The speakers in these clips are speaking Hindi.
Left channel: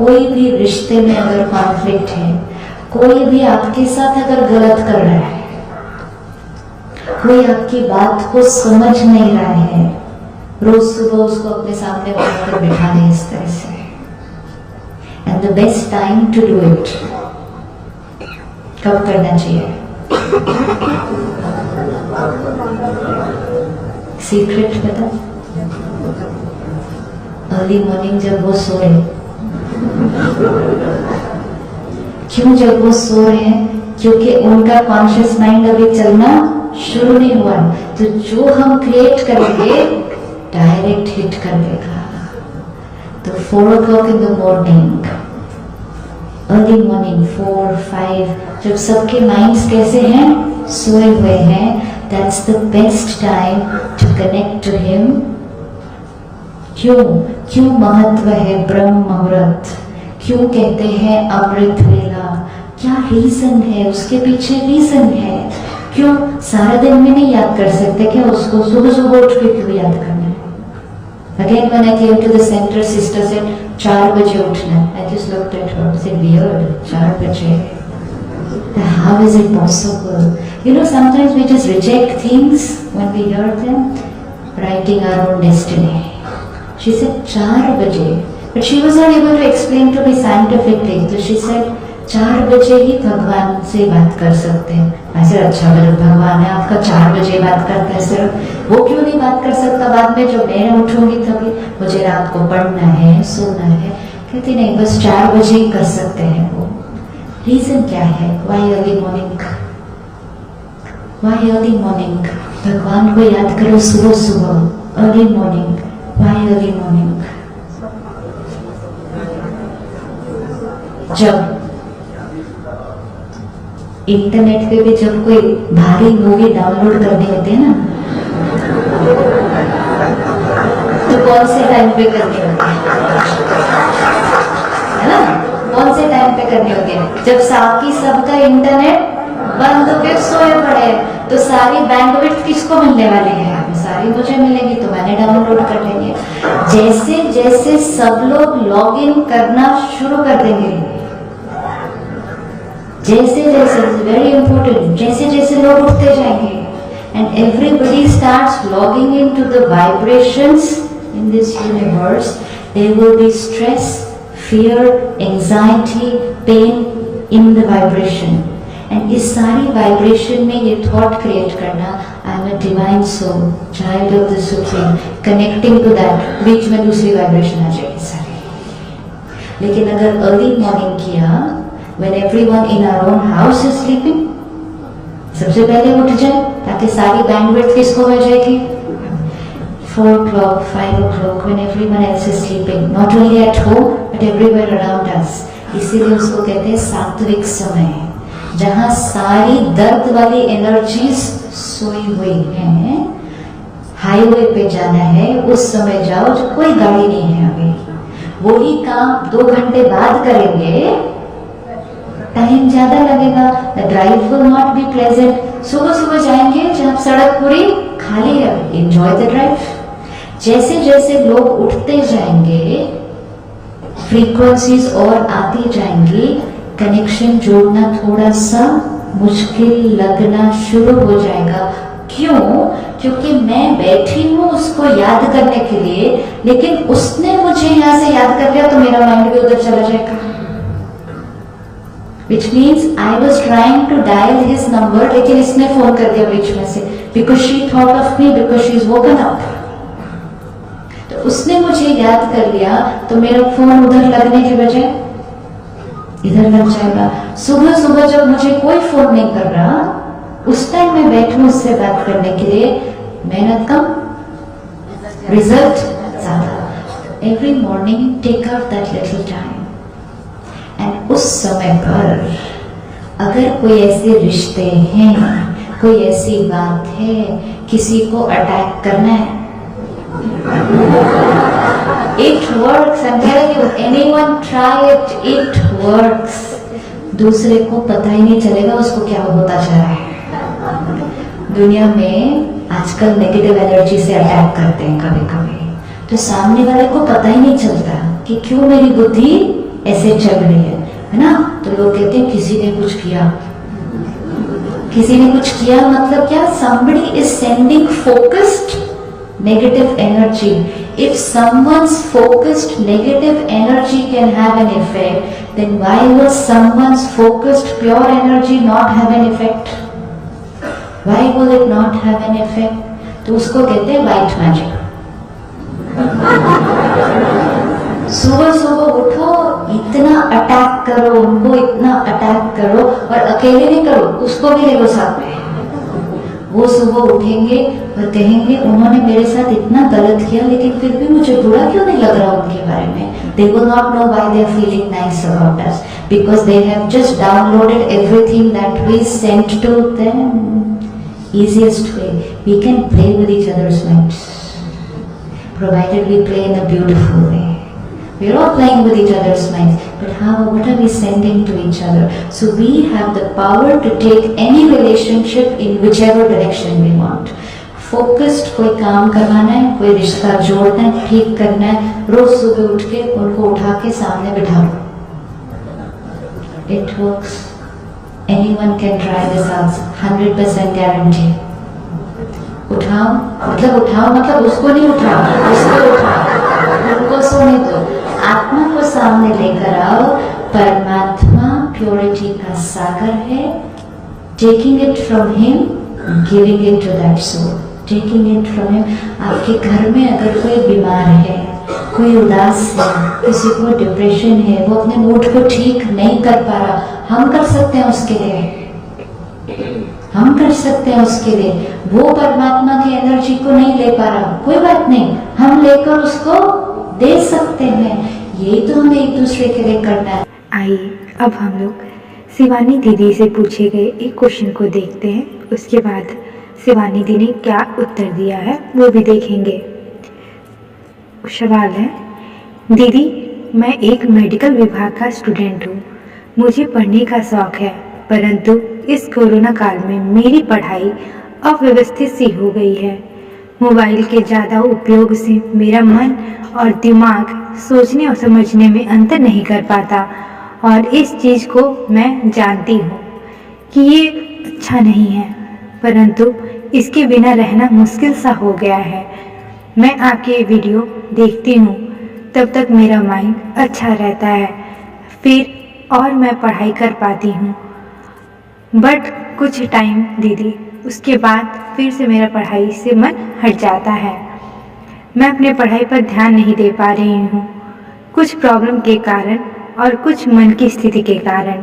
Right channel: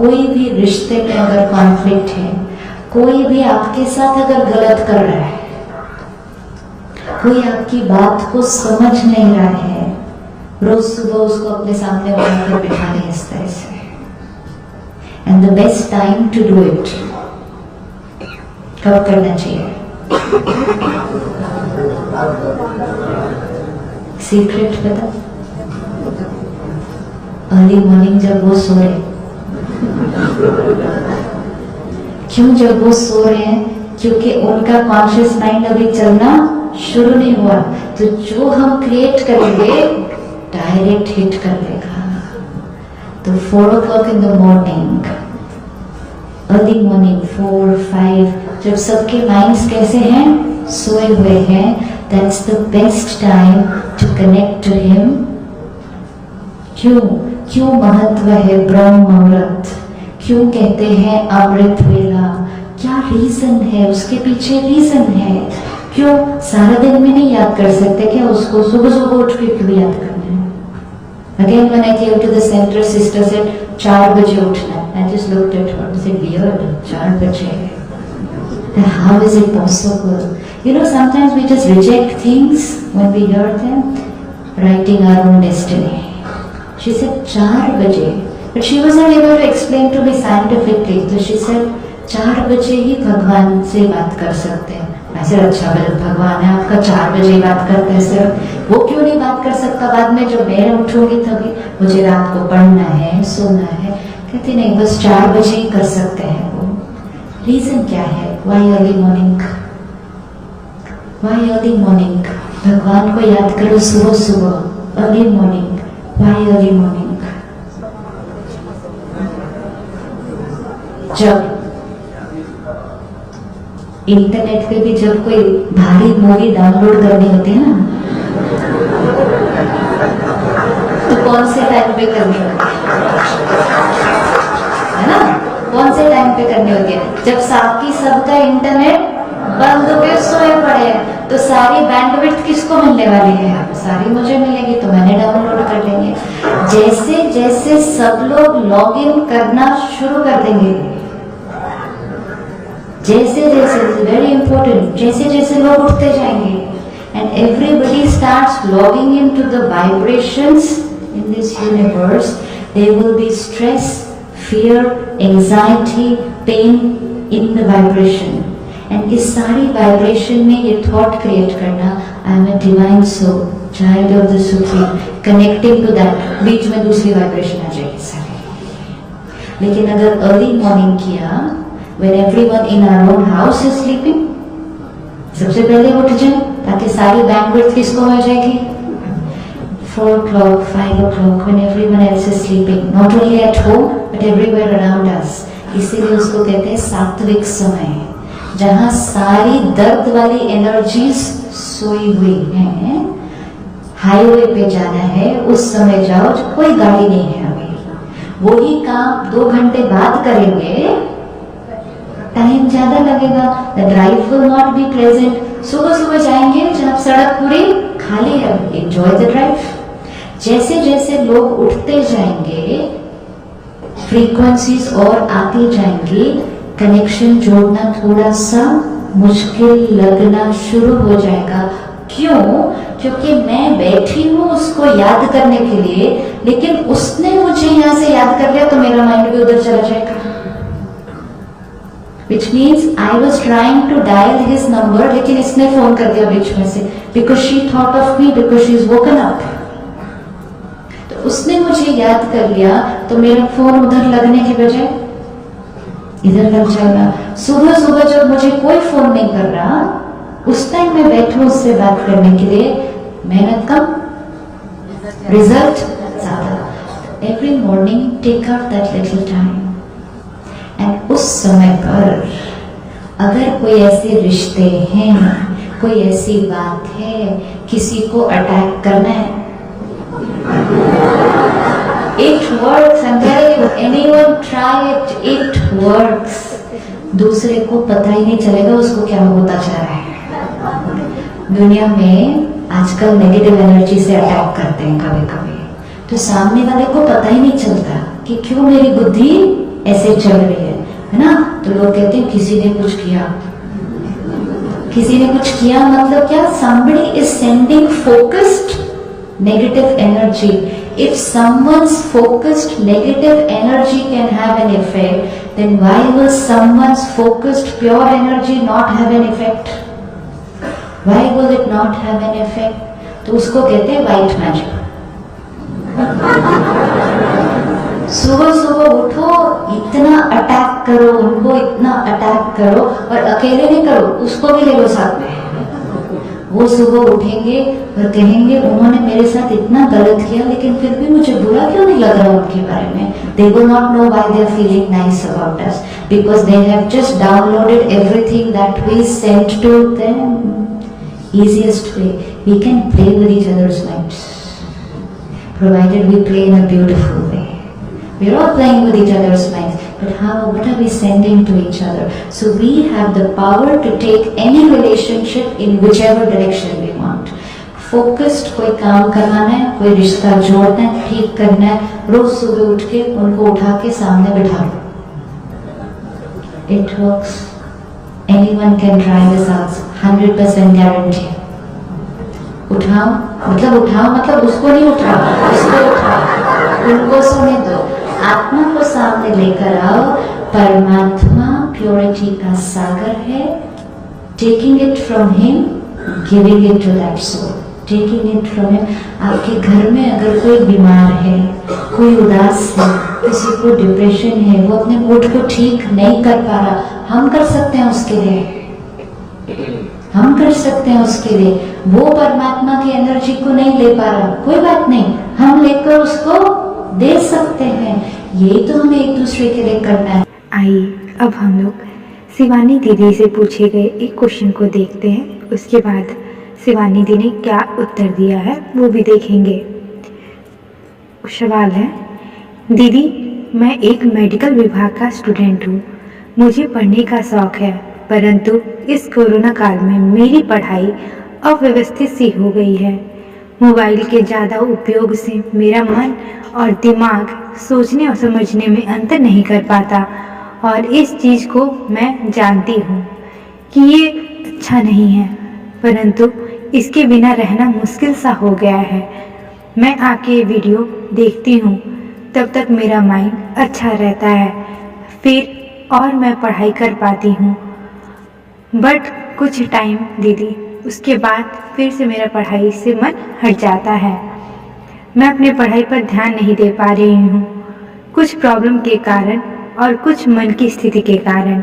कोई भी रिश्ते में अगर कॉन्फ्लिक्ट है, कोई भी आपके साथ अगर गलत कर रहा है, कोई आपकी बात को समझ नहीं रहा है, रोज सुबह उसको अपने सामने बनाकर बिठा दें इस तरह से। And the best time to do it कब करना चाहिए? सीक्रेट पता? अर्ली मॉर्निंग जब वो सो रहे। क्यों जब वो सो रहे हैं? क्योंकि उनका कॉन्शियस माइंड अभी चलना शुरू नहीं हुआ। तो जो हम क्रिएट करेंगे डायरेक्ट हिट कर देगा। तो 4 o'clock in the morning, early morning 4, 5, जब सबके माइंड्स कैसे हैं? सोए हुए हैं। That's the best time to connect to him. क्यों महत्व है ब्रह्म मुहूर्त? क्यों कहते हैं अमृत वेला? क्या रीजन है उसके पीछे? रीजन है क्यों सारा दिन में नहीं याद कर सकते क्या उसको? सुबह सुबह उठ के क्यों याद करना है? Again when I came to the center, sister said 4 बजे उठना। I just looked at her and said weird, 4 बजे? How is it possible? You know, sometimes we just reject things when we hear them, writing our own destiny. She said 4 बजे, but she was not able to explain to me scientifically. So she said 4 बजे ही भगवान से बात कर सकते हैं। मैं सर अच्छा भगवान है आपका 4 बजे बात करते हैं सर, वो क्यों नहीं बात कर सकता बाद में जब मैं उठूंगी तभी? मुझे रात को पढ़ना है, सोना है। कहती नहीं, बस 4 बजे ही कर सकते हैं वो। रीजन क्या है? Why early morning? Why early morning? भगवान को याद करो सुबह सुबह, early morning. Why early morning? जब इंटरनेट पे भी जब कोई भारी मूवी डाउनलोड करनी होती है ना, तो कौन से टाइम पे करनी होती है ना? कौन से टाइम पे करनी होती है? जब साकी सबका इंटरनेट बंद हो के सोए पड़े, तो सारी बैंडविड्थ किसको मिलने वाली है? सारी मुझे मिलेगी, तो मैंने डाउनलोड कर लेंगे। जैसे जैसे सब लोग लॉग इन करना शुरू कर देंगे, जैसे जैसे, वेरी इंपॉर्टेंट, जैसे जैसे लोग उठते जाएंगे and everybody starts logging in to the vibrations in this universe, there will be stress, fear, anxiety, pain in the vibration. And इस सारी vibration में ये thought create करना, I am a divine soul, child of the supreme, connecting to that, बीच में दूसरी vibration आ जाएगी सारी। लेकिन अगर early morning किया, when everyone in our own house is sleeping, सबसे पहले उठ जाए ताकि सारी bandwidth किसको मिल जाएगी? 4 o'clock, 5 o'clock, when everyone else is sleeping, not only at home but everywhere around us. इसीलिए उसको कहते हैं सात्विक समय, जहाँ सारी दर्द वाली एनर्जीज सोई हुई हैं। हाईवे पे जाना है उस समय जाओ जब कोई गाड़ी नहीं है। अभी वही काम 2 घंटे बाद करेंगे, टाइम ज्यादा लगेगा, the drive will not be pleasant. सुबह सुबह जाएंगे जब सड़क पूरी खाली है, एंजॉय द ड्राइव। जैसे जैसे लोग उठते जाएंगे, फ्रीक्वेंसीज और आती जाएंगी, कनेक्शन जोड़ना थोड़ा सा मुश्किल लगना शुरू हो जाएगा। क्यों? क्योंकि मैं बैठी हूं उसको याद करने के लिए, लेकिन उसने मुझे यहां से याद कर लिया तो मेरा माइंड भी उधर चला जाएगा। Which means I was trying to dial his number, लेकिन इसने फोन कर दिया बीच में से, because she thought of me, because she is woken up. तो उसने मुझे याद कर लिया तो मेरा फोन उधर लगने के बजाय इधर लग जाएगा। सुबह सुबह जब मुझे कोई फोन नहीं कर रहा, उस टाइम मैं बैठूं उससे बात करने के लिए, मेहनत कम, रिजल्ट ज्यादा। Every morning take out that little time and उस समय पर अगर कोई ऐसे रिश्ते हैं, कोई ऐसी बात है, किसी को अटैक करना है, it works, I'm telling you, anyone try it, it works. दूसरे को पता ही नहीं चलेगा उसको क्या होता जा रहा है। दुनिया में आजकल नेगेटिव एनर्जी से अटैक करते हैं कभी कभी, तो सामने वाले को पता ही नहीं चलता कि क्यों मेरी बुद्धि ऐसे चल रही है ना, तो लोग कहते हैं किसी ने कुछ किया। किसी ने कुछ किया मतलब क्या? somebody is sending focused negative energy. If someone's focused negative energy can have an effect, then why will someone's focused pure energy not have an effect? Why will it not have an effect? तो उसको कहते हैं white magic. सुबह सुबह उठो, इतना अटैक करो उनको, इतना अटैक करो, और अकेले नहीं करो, उसको भी ले लो साथ में। वो सुबह उठेंगे और कहेंगे उन्होंने मेरे साथ इतना गलत किया, लेकिन फिर भी मुझे बुरा क्यों नहीं लग रहा उनके बारे में। They will not know why they are feeling nice about us, because they have just downloaded everything that we sent to them. Easiest way, we can play with each other's minds, provided we play in a beautiful way. We are all playing with each other's minds, but what are we sending to each other? So we have the power to take any relationship in whichever direction we want. Focused कोई काम करवाना है, कोई रिश्ता जोड़ना है, ठीक करना है, रोज सुबह उठ के उनको उठा के सामने बिठा लो। It works. Anyone can try this out. 100% guarantee. उठाओ मतलब उसको नहीं उठाओ, उसको उठाओ, उनको सोने दो। आत्मा को सामने लेकर आओ। परमात्मा प्योरिटी का सागर है। Taking it from him, giving it to that soul. Taking it from him. आपके घर में अगर कोई बीमार है, कोई उदास है, किसी को डिप्रेशन है, वो अपने मूड को ठीक नहीं कर पा रहा, हम कर सकते हैं उसके लिए। हम कर सकते हैं उसके लिए। वो परमात्मा की एनर्जी को नहीं ले पा रहा, कोई बात नहीं, हम लेकर उसको दे सकते हैं। यही तो हमें एक दूसरे के लिए करना है। आइए अब हम लोग शिवानी दीदी से पूछे गए एक क्वेश्चन को देखते हैं, उसके बाद शिवानी दी ने क्या उत्तर दिया है वो भी देखेंगे। सवाल है, दीदी मैं एक मेडिकल विभाग का स्टूडेंट हूँ, मुझे पढ़ने का शौक़ है, परंतु इस कोरोना काल में मेरी पढ़ाई अव्यवस्थित सी हो गई है। मोबाइल के ज़्यादा उपयोग से मेरा मन और दिमाग सोचने और समझने में अंतर नहीं कर पाता, और इस चीज़ को मैं जानती हूँ कि ये अच्छा नहीं है, परंतु इसके बिना रहना मुश्किल सा हो गया है। मैं आपके वीडियो देखती हूँ, तब तक मेरा माइंड अच्छा रहता है, फिर और मैं पढ़ाई कर पाती हूँ, बट कुछ टाइम दीदी उसके बाद फिर से मेरा पढ़ाई से मन हट जाता है। मैं अपने पढ़ाई पर ध्यान नहीं दे पा रही हूँ, कुछ प्रॉब्लम के कारण और कुछ मन की स्थिति के कारण।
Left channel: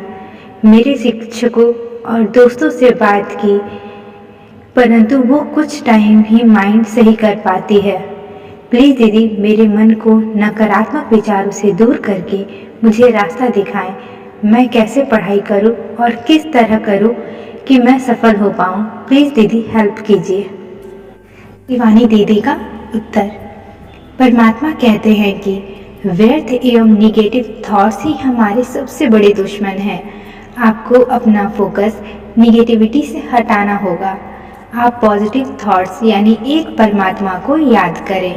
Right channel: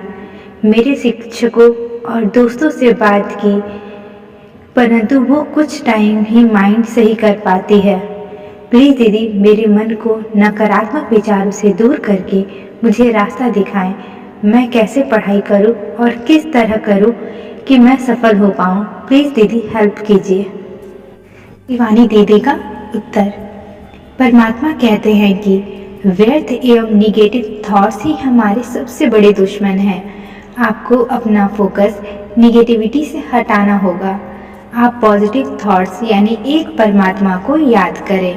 मेरे शिक्षकों और दोस्तों से बात की, परंतु वो कुछ टाइम ही माइंड सही कर पाती है। प्लीज़ दीदी मेरे मन को नकारात्मक विचारों से दूर करके मुझे रास्ता दिखाएं। मैं कैसे पढ़ाई करूं और किस तरह करूं कि मैं सफल हो पाऊं, प्लीज़ दीदी हेल्प कीजिए। शिवानी दीदी का उत्तर, परमात्मा कहते हैं कि व्यर्थ एवं निगेटिव थॉट्स ही हमारे सबसे बड़े दुश्मन हैं। आपको अपना फोकस निगेटिविटी से हटाना होगा। आप पॉजिटिव थॉट्स यानी एक परमात्मा को याद करें।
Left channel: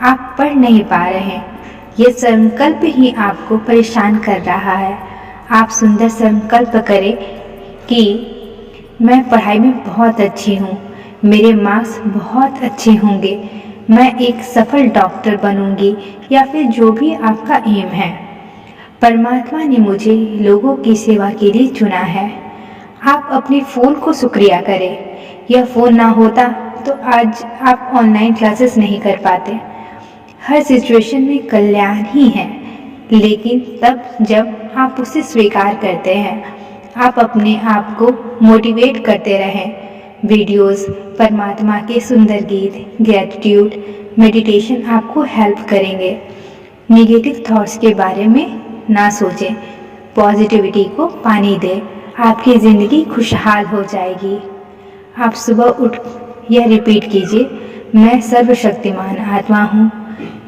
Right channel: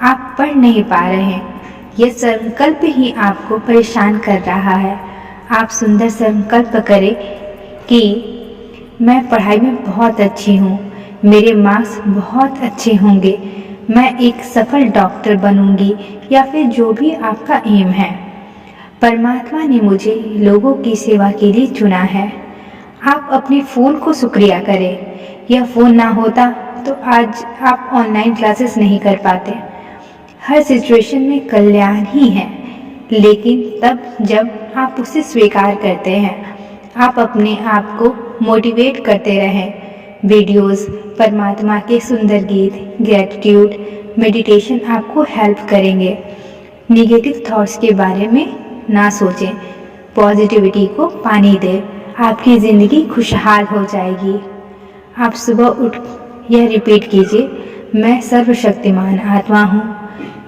आप पढ़ नहीं पा रहे हैं, यह संकल्प ही आपको परेशान कर रहा है। आप सुंदर संकल्प करें कि मैं पढ़ाई में बहुत अच्छी हूँ, मेरे मार्क्स बहुत अच्छे होंगे, मैं एक सफल डॉक्टर बनूंगी, या फिर जो भी आपका एम है। परमात्मा ने मुझे लोगों की सेवा के लिए चुना है। आप अपने फ़ोन को शुक्रिया करें। यह फ़ोन ना होता तो आज आप ऑनलाइन क्लासेस नहीं कर पाते। हर सिचुएशन में कल्याण ही है, लेकिन तब जब आप उसे स्वीकार करते हैं। आप अपने आप को मोटिवेट करते रहें। वीडियोस, परमात्मा के सुंदर गीत, ग्रैटिट्यूड, मेडिटेशन आपको हेल्प करेंगे। निगेटिव थॉट्स के बारे में ना सोचें, पॉजिटिविटी को पानी दें, आपकी ज़िंदगी खुशहाल हो जाएगी। आप सुबह उठ यह रिपीट कीजिए, मैं सर्वशक्तिमान आत्मा हूँ,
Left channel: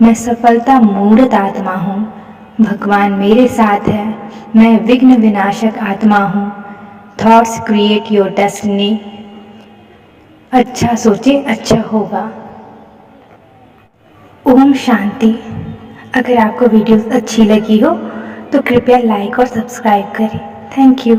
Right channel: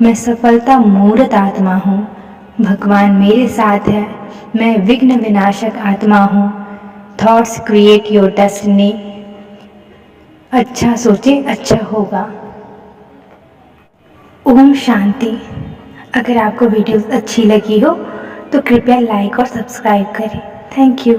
मैं सफलता मूर्त आत्मा हूँ, भगवान मेरे साथ है, मैं विघ्न विनाशक आत्मा हूँ। Thoughts create your destiny. अच्छा सोचें, अच्छा होगा। ओम शांति। अगर आपको वीडियो अच्छी लगी हो तो कृपया लाइक और सब्सक्राइब करें। Thank you.